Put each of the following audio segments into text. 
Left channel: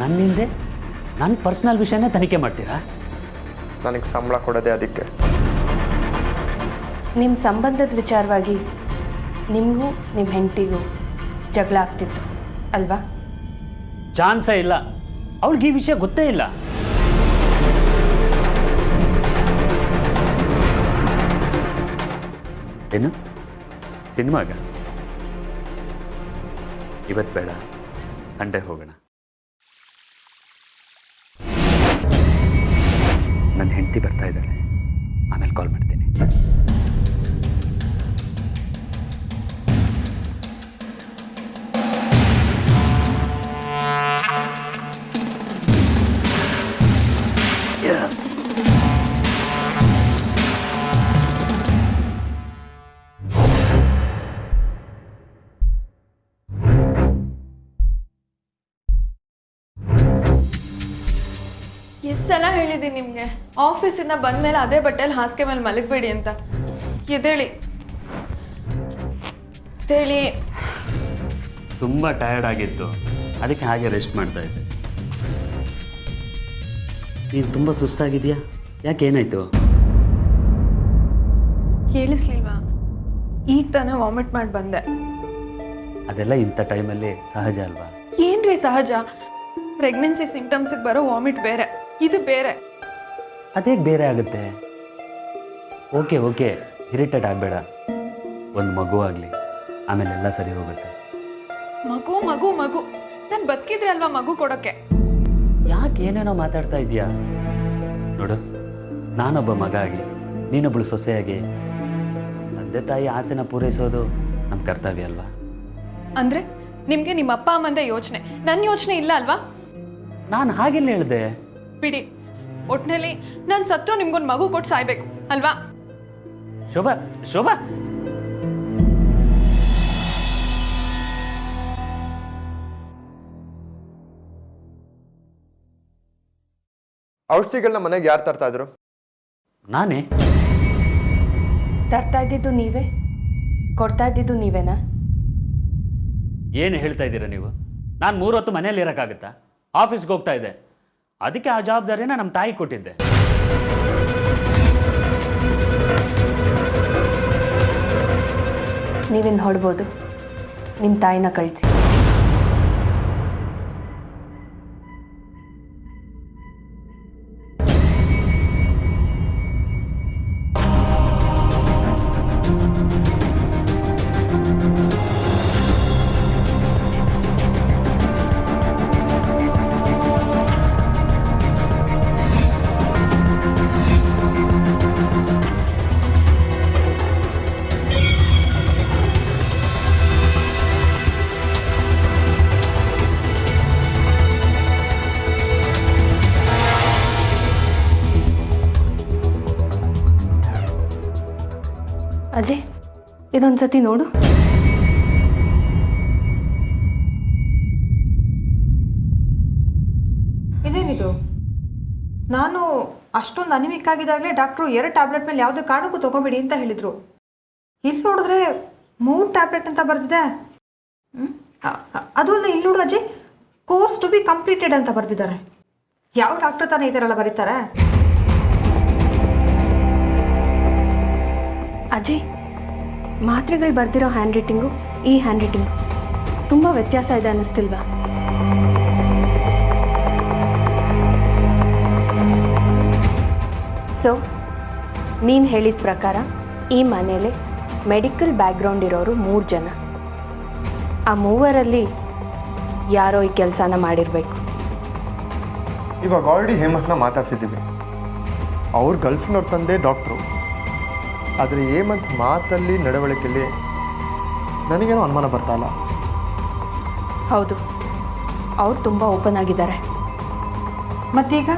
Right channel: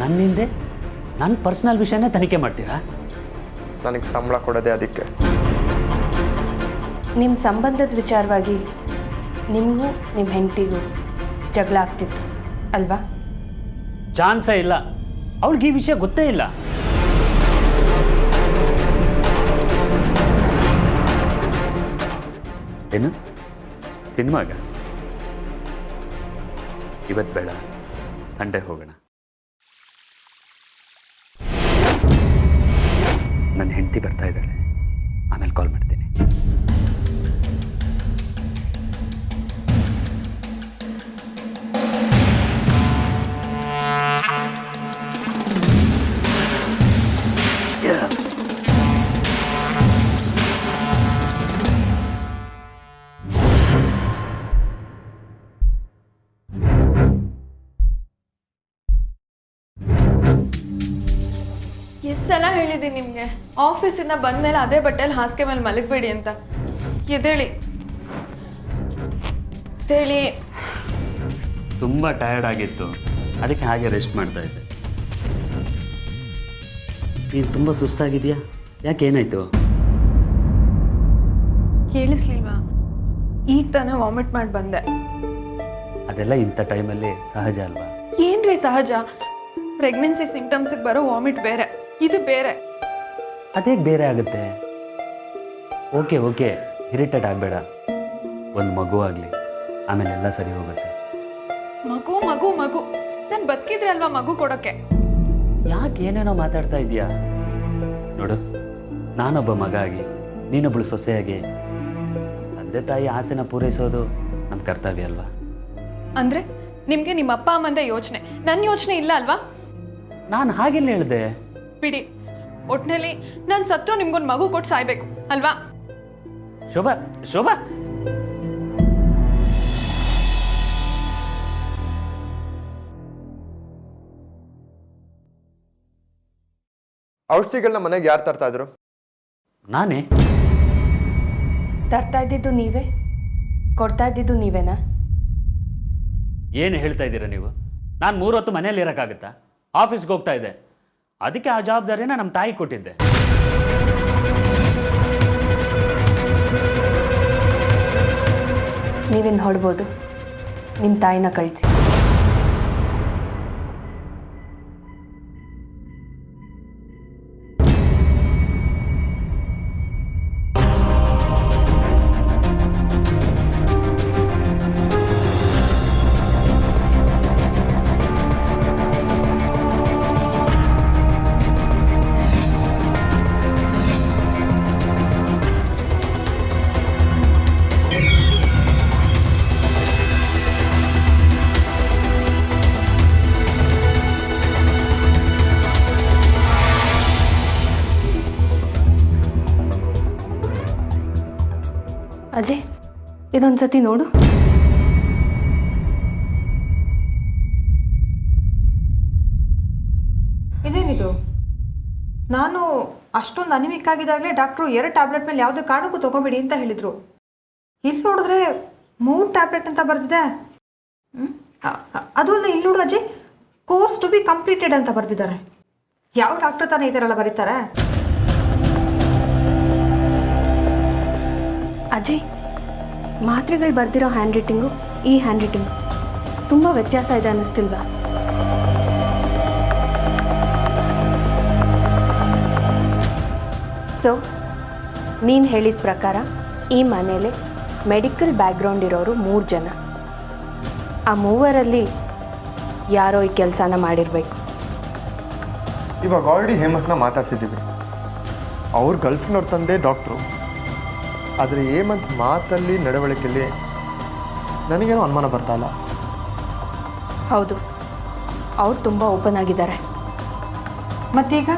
ನನ್ನಿಂದೆ ನನ್ನ ಪರ್ಸ್ನಲ್ ವಿಷಯನೇ ತನಿಖೆ ಮಾಡ್ತೀರಾ? ನನಗೆ ಸಂಬಳ ಕೊಡೋದೇ ಅದಕ್ಕೆ. ನಿಮ್ಮ ಸಂಬಂಧದ ವಿಚಾರವಾಗಿ ನಿಮಗೂ ನಿಮ್ಮ ಹೆಂಡತಿಗೂ ಜಗಳ ಆಗ್ತಿತ್ತು ಅಲ್ವಾ? ಚಾನ್ಸೇ ಇಲ್ಲ. ಅವಳಿಗೆ ಈ ವಿಷಯ ಗೊತ್ತೇ ಇಲ್ಲ. ಏನು ಸಿನಿಮಾಗ? ಇವತ್ತು ಬೇಡ, ಸಂಡೇ ಹೋಗೋಣ. ನನ್ನ ಹೆಂಡತಿ ಬರ್ತಾ ಇದ್ದಾಳೆ, ಆಮೇಲೆ ಕಾಲ್ ಮಾಡ್ತೀನಿ. ಎಷ್ಟು ಸಲ ಹೇಳಿದ್ದೀನಿ ನಿಮಗೆ, ಆಫೀಸಿಂದ ಬಂದಮೇಲೆ ಅದೇ ಬಟ್ಟೆಯಲ್ಲಿ ಹಾಸಿಗೆ ಮೇಲೆ ಮಲಗಬೇಡಿ ಅಂತ. ಎದ್ದೇಳಿ ಎದ್ದೇಳಿ. ತುಂಬ ಟಯರ್ಡ್ ಆಗಿತ್ತು, ಅದಕ್ಕೆ ಹಾಗೆ ರೆಸ್ಟ್ ಮಾಡ್ತಾ ಇದ್ದೆ. ನೀನು ತುಂಬ ಸುಸ್ತಾಗಿದೆಯಾ? ಯಾಕೆ, ಏನಾಯಿತು? ಕೇಳಿಸ್ಲಿಲ್ವಾ? ಈಗ ತಾನೇ ವಾಮಿಟ್ ಮಾಡಿ ಬಂದೆ. ಅದೆಲ್ಲ ಇಂಥ ಟೈಮಲ್ಲಿ ಸಹಜ ಅಲ್ವಾ? ಏನ್ರಿ ಸಹಜ? ಪ್ರೆಗ್ನೆನ್ಸಿ ಸಿಂಟಮ್ಸಿಗೆ ಬರೋ ವಾಮಿಟ್ ಬೇರೆ, ಇದು ಬೇರೆ. ಅದೇಗೆ ಬೇರೆ ಆಗುತ್ತೆ? ಓಕೆ ಓಕೆ, ಇರಿಟೇಟ್ ಆಗಬೇಡ. ಒಂದು ಮಗು ಆಗಲಿ, ಆಮೇಲೆ ಎಲ್ಲ ಸರಿ ಹೋಗುತ್ತೆ. ಮಗು ಮಗು ಮಗು ನಾನು ಬದುಕಿದ್ರೆ ಅಲ್ವಾ ಮಗು ಕೊಡೋಕ್ಕೆ? ಯಾಕೆ ಏನೇನೋ ಮಾತಾಡ್ತಾ ಇದೀಯಾ? ನೋಡು, ನಾನೊಬ್ಬ ಮಗ ಆಗಿ ನೀನೊಬ್ಬಳು ಸೊಸೆಯಾಗಿ ತಂದೆ ತಾಯಿ ಆಸೆನ ಪೂರೈಸೋದು ನಮ್ಮ ಕರ್ತವ್ಯ ಅಲ್ವಾ? ಅಂದರೆ ನಿಮಗೆ ನಿಮ್ಮ ಅಪ್ಪ ಅಮ್ಮಂದೇ ಯೋಚನೆ, ನನ್ನ ಯೋಚನೆ ಇಲ್ಲ ಅಲ್ವಾ? ನಾನು ಹಾಗೆಲ್ಲ ಹೇಳಿದೆ. ಬಿಡಿ, ಒಟ್ಟಿನಲ್ಲಿ ನಾನು ಸತ್ತು ನಿಮ್ಗೊಂದು ಮಗು ಕೊಟ್ಟು ಸಾಯ್ಬೇಕು ಅಲ್ವಾ? ಶೋಭಾ ಶೋಭಾ, ಔಷಧಿಗಳನ್ನ ಮನೆಗೆ ಯಾರು ತರ್ತಾ ಇದ್ರು? ನಾನೇ. ತರ್ತಾ ಇದ್ದಿದ್ದು ನೀವೇ, ಕೊಡ್ತಾ ಇದ್ದಿದ್ದು ನೀವೇನಾ? ಏನು ಹೇಳ್ತಾ ಇದ್ದೀರಾ ನೀವು? ನಾನು 3 ಹೊತ್ತು ಮನೇಲಿ ಇರೋಕ್ಕಾಗುತ್ತಾ? ಆಫೀಸ್ಗೆ ಹೋಗ್ತಾ ಇದ್ದೆ, ಅದಕ್ಕೆ ಆ ಜವಾಬ್ದಾರಿನ ನಮ್ಮ ತಾಯಿ ಕೊಟ್ಟಿದ್ದೆ. ನೀವೇನು ಹೊಡ್ಬೋದು, ನಿಮ್ಮ ತಾಯಿನ ಕಳಿಸಿ. ಅಜಯ್, ಇದೊಂದು ಸತಿ ನೋಡು. ಇದೇನಿದು? ನಾನು ಅಷ್ಟೊಂದು ಅನಿಮಿಕ್ ಆಗಿದ್ದಾಗಲೇ ಡಾಕ್ಟ್ರು 2 ಟ್ಯಾಬ್ಲೆಟ್ ಮೇಲೆ ಯಾವುದೇ ಕಾರಣಕ್ಕೂ ತೊಗೊಬೇಡಿ ಅಂತ ಹೇಳಿದರು. ಇಲ್ಲಿ ನೋಡಿದ್ರೆ 3 ಟ್ಯಾಬ್ಲೆಟ್ ಅಂತ ಬರೆದಿದೆ. ಅದು ಅಲ್ಲ, ಇಲ್ಲಿ ನೋಡು Ajay, course to be completed ಅಂತ ಬರೆದಿದ್ದಾರೆ. ಯಾವ ಡಾಕ್ಟ್ರ್ ತಾನೇ ಈ ಥರ ಎಲ್ಲ ಬರೀತಾರೆ? ಅಜಯ್, ಮಾತ್ರೆಗಳು ಬರ್ದಿರೋ ಹ್ಯಾಂಡ್ ರೈಟಿಂಗು ಈ ಹ್ಯಾಂಡ್ ರೈಟಿಂಗು ತುಂಬ ವ್ಯತ್ಯಾಸ ಇದೆ ಅನ್ನಿಸ್ತಿಲ್ವಾ? ಸೊ ನೀನು ಹೇಳಿದ ಪ್ರಕಾರ ಈ ಮನೇಲಿ ಮೆಡಿಕಲ್ ಬ್ಯಾಕ್ಗ್ರೌಂಡ್ ಇರೋರು 3 ಜನ. ಆ 3ರಲ್ಲಿ ಯಾರೋ ಈ ಕೆಲಸನ ಮಾಡಿರಬೇಕು. ಇವಾಗ ಆಲ್ರೆಡಿ ಹೇಮಂತ್ನ ಮಾತಾಡ್ತಿದ್ದೀವಿ. ಅವ್ರ ಗರ್ಲ್ಫ್ರೆಂಡ್ ಅವ್ರ ತಂದೆ ಡಾಕ್ಟ್ರು. ಆದರೆ ಹೇಮಂತ್ ಮಾತಲ್ಲಿ ನಡವಳಿಕೆಯಲ್ಲಿ ನನಗೇನೋ ಅನುಮಾನ ಬರ್ತಾ ಇಲ್ಲ. ಹೌದು, ಅವ್ರು ತುಂಬ ಓಪನ್ ಆಗಿದ್ದಾರೆ. ಮತ್ತೀಗ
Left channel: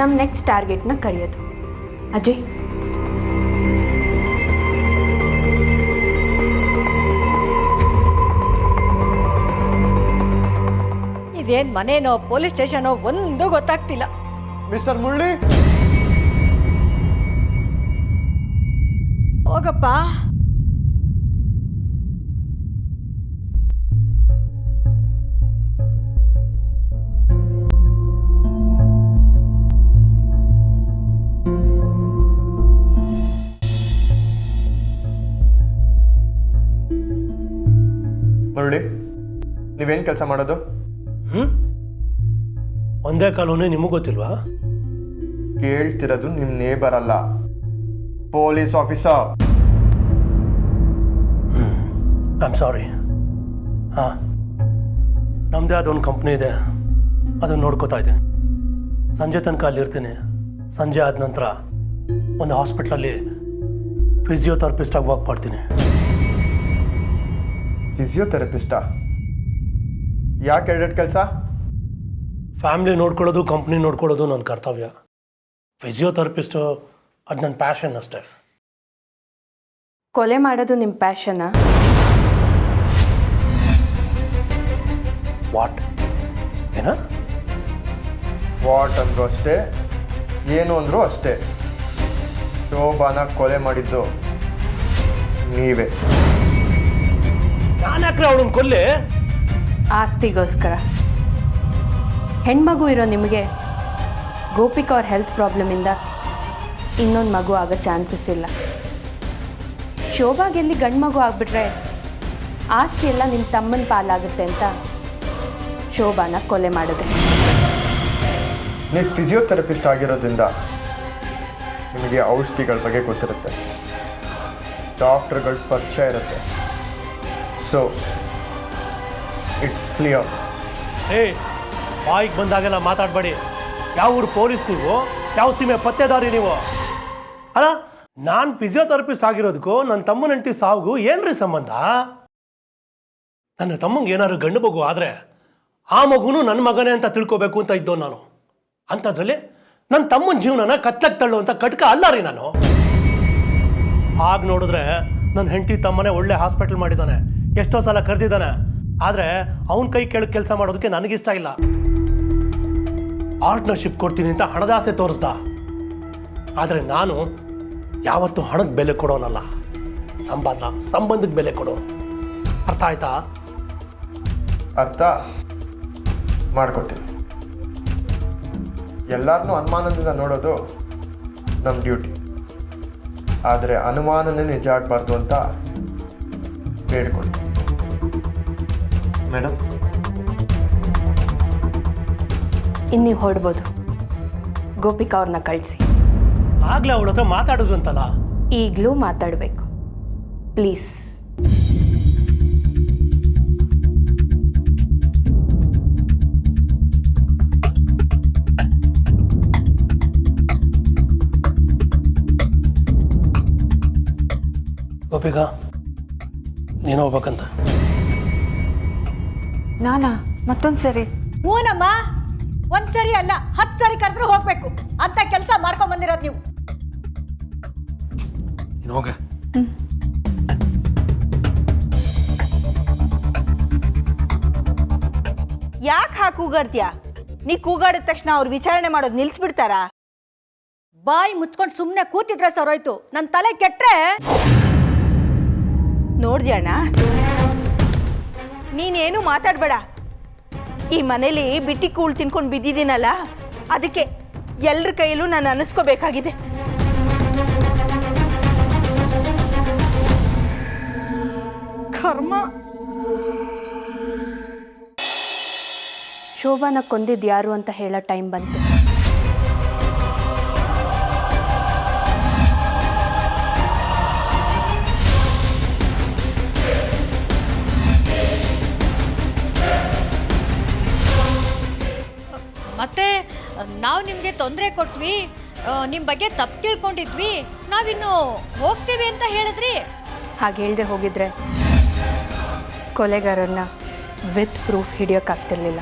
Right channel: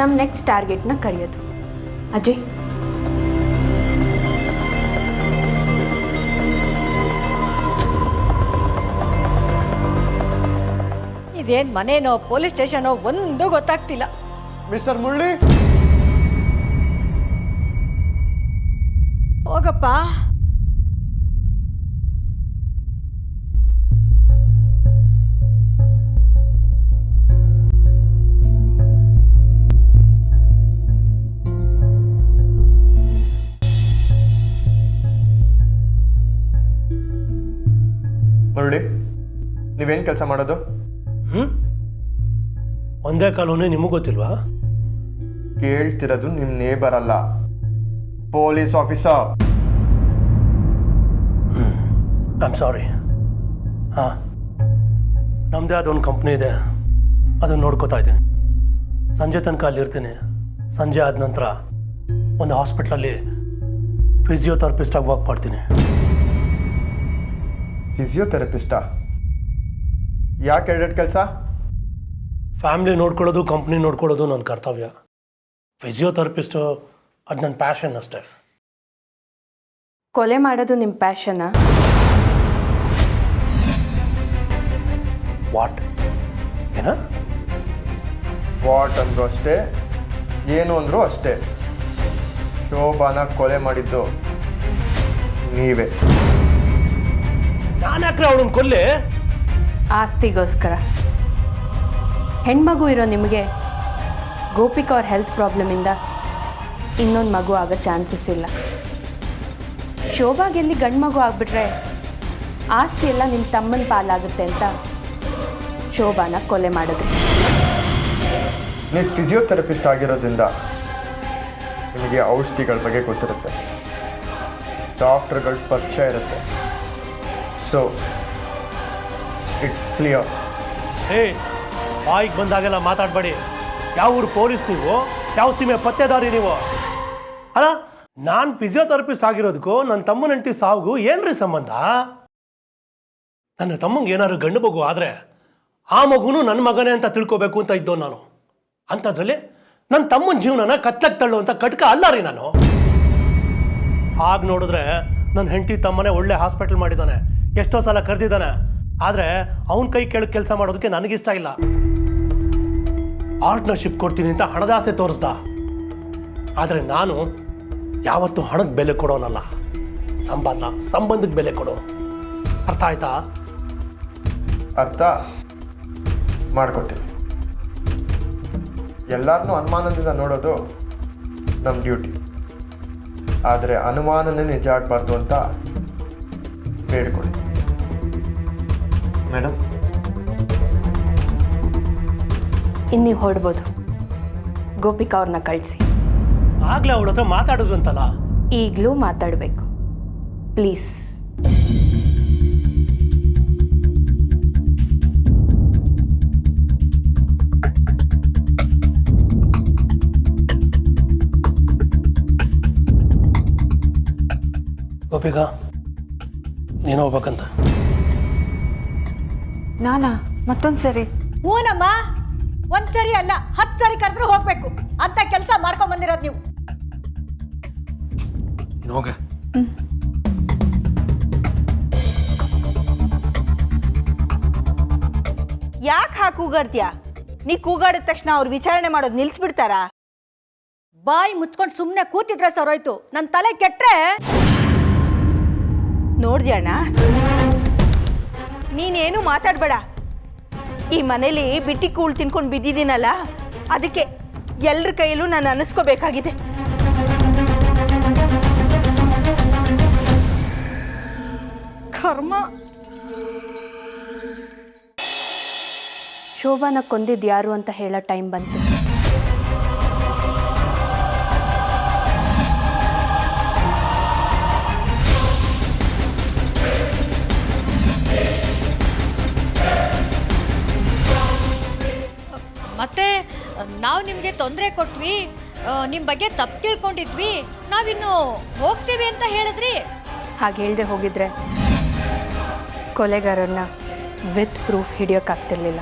ನಮ್ಮ ನೆಕ್ಸ್ಟ್ ಟಾರ್ಗೆಟ್ನ ಕರೆಯೋದು. ಅಜಯ್, ಇದೇನು ಮನೇನೋ ಪೊಲೀಸ್ ಸ್ಟೇಷನೋ ಒಂದು ಗೊತ್ತಾಗ್ತಿಲ್ಲ. ಮಿಸ್ಟರ್ ಮುರಳಿ, ಹೋಗಪ್ಪ. ಮುರಳಿ, ನೀವೇನು ಕೆಲಸ ಮಾಡೋದು? ಒಂದೇ ಕಾಲೋನಿ ನಿಮಗೆ ಗೊತ್ತಿಲ್ವಾ? ಕೇಳ್ತಿರೋದು ನಿಮ್ಮ ನೇಬರ್ ಅಲ್ಲ, police officer. I am sorry. ಹಾಂ, ನಮ್ಮದೇ ಅದೊಂದು ಕಂಪ್ನಿ ಇದೆ, ಅದನ್ನು ನೋಡ್ಕೋತಾ ಇದ್ದೀನಿ. ಸಂಜೆ ತನಕ ಅಲ್ಲಿರ್ತೀನಿ. ಸಂಜೆ ಆದ ನಂತರ ಒಂದು ಹಾಸ್ಪಿಟ್ಲಲ್ಲಿ ಫಿಸಿಯೋಥೆರಪಿಸ್ಟಾಗಿ ವರ್ಕ್ ಮಾಡ್ತೀನಿ. ಫಿಸಿಯೋಥೆರಪಿಸ್ಟಾ? ಯಾಕೆ ಎರಡೆರಡು ಕೆಲಸ? ಫ್ಯಾಮ್ಲಿ ನೋಡ್ಕೊಳ್ಳೋದು, ಕಂಪ್ನಿ ನೋಡ್ಕೊಳ್ಳೋದು ನನ್ನ ಕರ್ತವ್ಯ. ಫಿಸಿಯೋಥೆರಪಿಸ್ಟು ಅದು ನನ್ನ ಪ್ಯಾಷನ್ ಅಷ್ಟೇ. ಕೊಲೆ ಮಾಡೋದು ನಿಮ್ಮ ಪ್ಯಾಷನಾ? ವಾಟ್? ಏನ? ವಾಟ್ ಅಂದರೂ ಅಷ್ಟೇ, ಏನು ಅಂದರೂ ಅಷ್ಟೇ. ಶೋಭಾನ ಕೊಲೆ ಮಾಡಿದ್ದು ನೀವೇ. ನಾನು ಯಾಕ್ರೆ ಅವಳನ್ನು ಕೊಲ್ಲಿ? ಆಸ್ತಿಗೋಸ್ಕರ. ಹೆಣ್ಮಗು ಇರೋ ನಿಮಗೆ ಗೋಪಿಕಾ ಅವ್ರ ಹೆಲ್ತ್ ಪ್ರಾಬ್ಲಮಿಂದ ಇನ್ನೊಂದು ಮಗು ಆಗೋ ಚಾನ್ಸಸ್ ಇಲ್ಲ. ಶೋಭಾಗೆಲ್ಲಿ ಗಂಡು ಮಗು ಆಗಿಬಿಟ್ರೆ ಆಸ್ತಿ ಎಲ್ಲ ನಿಮ್ಮ ತಮ್ಮನ ಪಾಲಾಗುತ್ತೆ ಅಂತ ಶೋಭಾನ ಕೊಲೆ ಮಾಡಿದ್ರಿ. ನೀವು ಫಿಸಿಯೋಥೆರಪಿಸ್ಟ್ ಆಗಿರೋದ್ರಿಂದ ನಿಮಗೆ ಔಷಧಿಗಳ ಬಗ್ಗೆ ಗೊತ್ತಿರುತ್ತೆ, ಡಾಕ್ಟರ್ಗಳ ಪರಿಚಯ ಇರುತ್ತೆ. So it's clear. ಹೇ, ಬಾಯಿಗೆ ಬಂದಾಗೆಲ್ಲ ಮಾತಾಡಬೇಡಿ. ಯಾವ ಊರು ಪೊಲೀಸ್ ನೀವು? ಯಾವ ಸೀಮೆ ಪತ್ತೆದಾರಿ ನೀವು? ಅಲ್ಲ, ನಾನು ಫಿಸಿಯೋಥೆರಪಿಸ್ಟ್ ಆಗಿರೋದಕ್ಕೂ ನನ್ನ ತಮ್ಮನ ಹೆಂಡತಿ ಸಾವುಗೂ ಏನ್ರಿ ಸಂಬಂಧ? ನನ್ನ ತಮ್ಮಂಗೆ ಏನಾದ್ರು ಗಂಡು ಮಗು ಆದರೆ ಆ ಮಗುನು ನನ್ನ ಮಗನೇ ಅಂತ ತಿಳ್ಕೊಬೇಕು ಅಂತ ಇದ್ದೋ ನಾನು. ಅಂಥದ್ರಲ್ಲಿ ನನ್ನ ತಮ್ಮನ ಜೀವನನ ಕತ್ತಕ್ಕೆ ತಳ್ಳುವಂಥ ಕಟ್ಕ ಅಲ್ಲ ರೀ ನಾನು. ಆಗ ನೋಡಿದ್ರೆ ನನ್ನ ಹೆಂಡತಿ ತಮ್ಮನೇ ಒಳ್ಳೆ ಹಾಸ್ಪಿಟಲ್ ಮಾಡಿದ್ದಾನೆ, ಎಷ್ಟೋ ಸಲ ಕರೆದಿದ್ದಾನೆ. ಆದರೆ ಅವನ ಕೈ ಕೆಳಗೆ ಕೆಲಸ ಮಾಡೋದಕ್ಕೆ ನನಗಿಷ್ಟ ಇಲ್ಲ. ಪಾರ್ಟ್ನರ್ಶಿಪ್ ಕೊಡ್ತೀನಿ ಅಂತ ಹಣದಾಸೆ ತೋರಿಸ್ದ. ಆದರೆ ನಾನು ಯಾವತ್ತೂ ಹಣಕ್ಕೆ ಬೆಲೆ ಕೊಡೋನಲ್ಲ, ಸಂಬಂಧಕ್ಕೆ ಬೆಲೆ ಕೊಡೋ. ಅರ್ಥ ಆಯ್ತಾ? ಅರ್ಥ ಮಾಡ್ಕೊತೀವಿ. ಎಲ್ಲರನ್ನೂ ಅನುಮಾನದಿಂದ ನೋಡೋದು ನಮ್ಮ ಡ್ಯೂಟಿ. ಆದರೆ ಅನುಮಾನನೇ ನಿಜ ಆಗಬಾರ್ದು ಅಂತ ಬೇಡ್ಕೊಳ್ಳಿ. ಮೇಡಮ್, ಇನ್ನು ನೀವು ಹೊಡ್ಬೋದು. ಗೋಪಿಕಾ ಅವ್ರನ್ನ ಕಳಿಸಿ. ಆಗ್ಲೇ ಅವಳ ಹತ್ರ ಮಾತಾಡಿದ್ರು ಅಂತಲ್ಲ. ಈಗಲೂ ಮಾತಾಡಬೇಕು ಪ್ಲೀಸ್. ಗೋಪಿಕಾ, ನೀನು ಹೋಗ್ಬೇಕಂತ. ನಾನಾ? ಮತ್ತೊಂದು ಸರಿ? ಹೂನಮ್ಮ, ಒಂದ್ಸರಿ ಅಲ್ಲ 10 ಸರಿ ಕರೆದ್ರೂ ಹೋಗ್ಬೇಕು ಅಂತ ಕೆಲಸ ಮಾಡ್ಕೊಂಡ್ ಬಂದಿರೋದು ನೀವು. ನೀನು ಹೋಗ. ಯಾಕೆ ಹಾಕಿ ಕೂಗಾಡ್ತೀಯಾ? ನೀ ಕೂಗಾಡಿದ ತಕ್ಷಣ ಅವ್ರು ವಿಚಾರಣೆ ಮಾಡೋದು ನಿಲ್ಲಿಸ್ಬಿಡ್ತಾರಾ? ಬಾಯಿ ಮುಚ್ಕೊಂಡು ಸುಮ್ಮನೆ ಕೂತಿದ್ರೆ ಸರೋಯ್ತು. ನನ್ನ ತಲೆ ಕೆಟ್ರೆ ನೋಡ್ದ್ಯಣ್ಣ, ನೀನೇನು ಮಾತಾಡಬೇಡ. ಈ ಮನೇಲಿ ಬಿಟ್ಟಿ ಕೂಳು ತಿನ್ಕೊಂಡು ಬಿದ್ದಿದ್ದೀನಲ್ಲ, ಅದಕ್ಕೆ ಎಲ್ಲರ ಕೈಯಲ್ಲೂ ನಾನು ಅನಿಸ್ಕೋಬೇಕಾಗಿದೆ. ಕರ್ಮ. ಶೋಭಾನ ಕೊಂದಿದ್ದು ಯಾರು ಅಂತ ಹೇಳೋ ಟೈಮ್ ಬಂತು. ಮತ್ತೆ ನಾವು ನಿಮಗೆ ತೊಂದರೆ ಕೊಟ್ವಿ, ನಿಮ್ಮ ಬಗ್ಗೆ ತಪ್ಪು ತಿಳ್ಕೊಂಡಿದ್ವಿ, ನಾವಿನ್ನು ಹೋಗ್ತೀವಿ ಅಂತ ಹೇಳಿದ್ರಿ. ಹಾಗೆ ಹೇಳ್ದೆ ಹೋಗಿದ್ರೆ ಕೊಲೆಗಾರನ್ನ ವಿತ್ ಪ್ರೂಫ್ ಹಿಡಿಯೋಕ್ಕಾಗ್ತಿರ್ಲಿಲ್ಲ.